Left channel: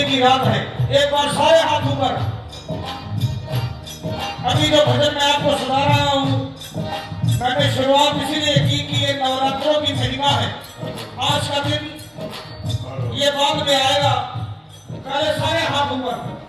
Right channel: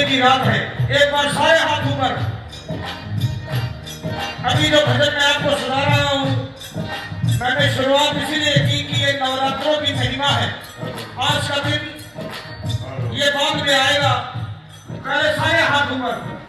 की रात है, एक बार सारे हाथ ऊपर। अभी जो भजन मैं आपको सुना रहा हूं, मैंने शुरुआत इसीलिए की कि ये नवरात्रों की महिमा है। आज का दिन ये बाद में आएगा, पहले सारे हाथ ऊपर।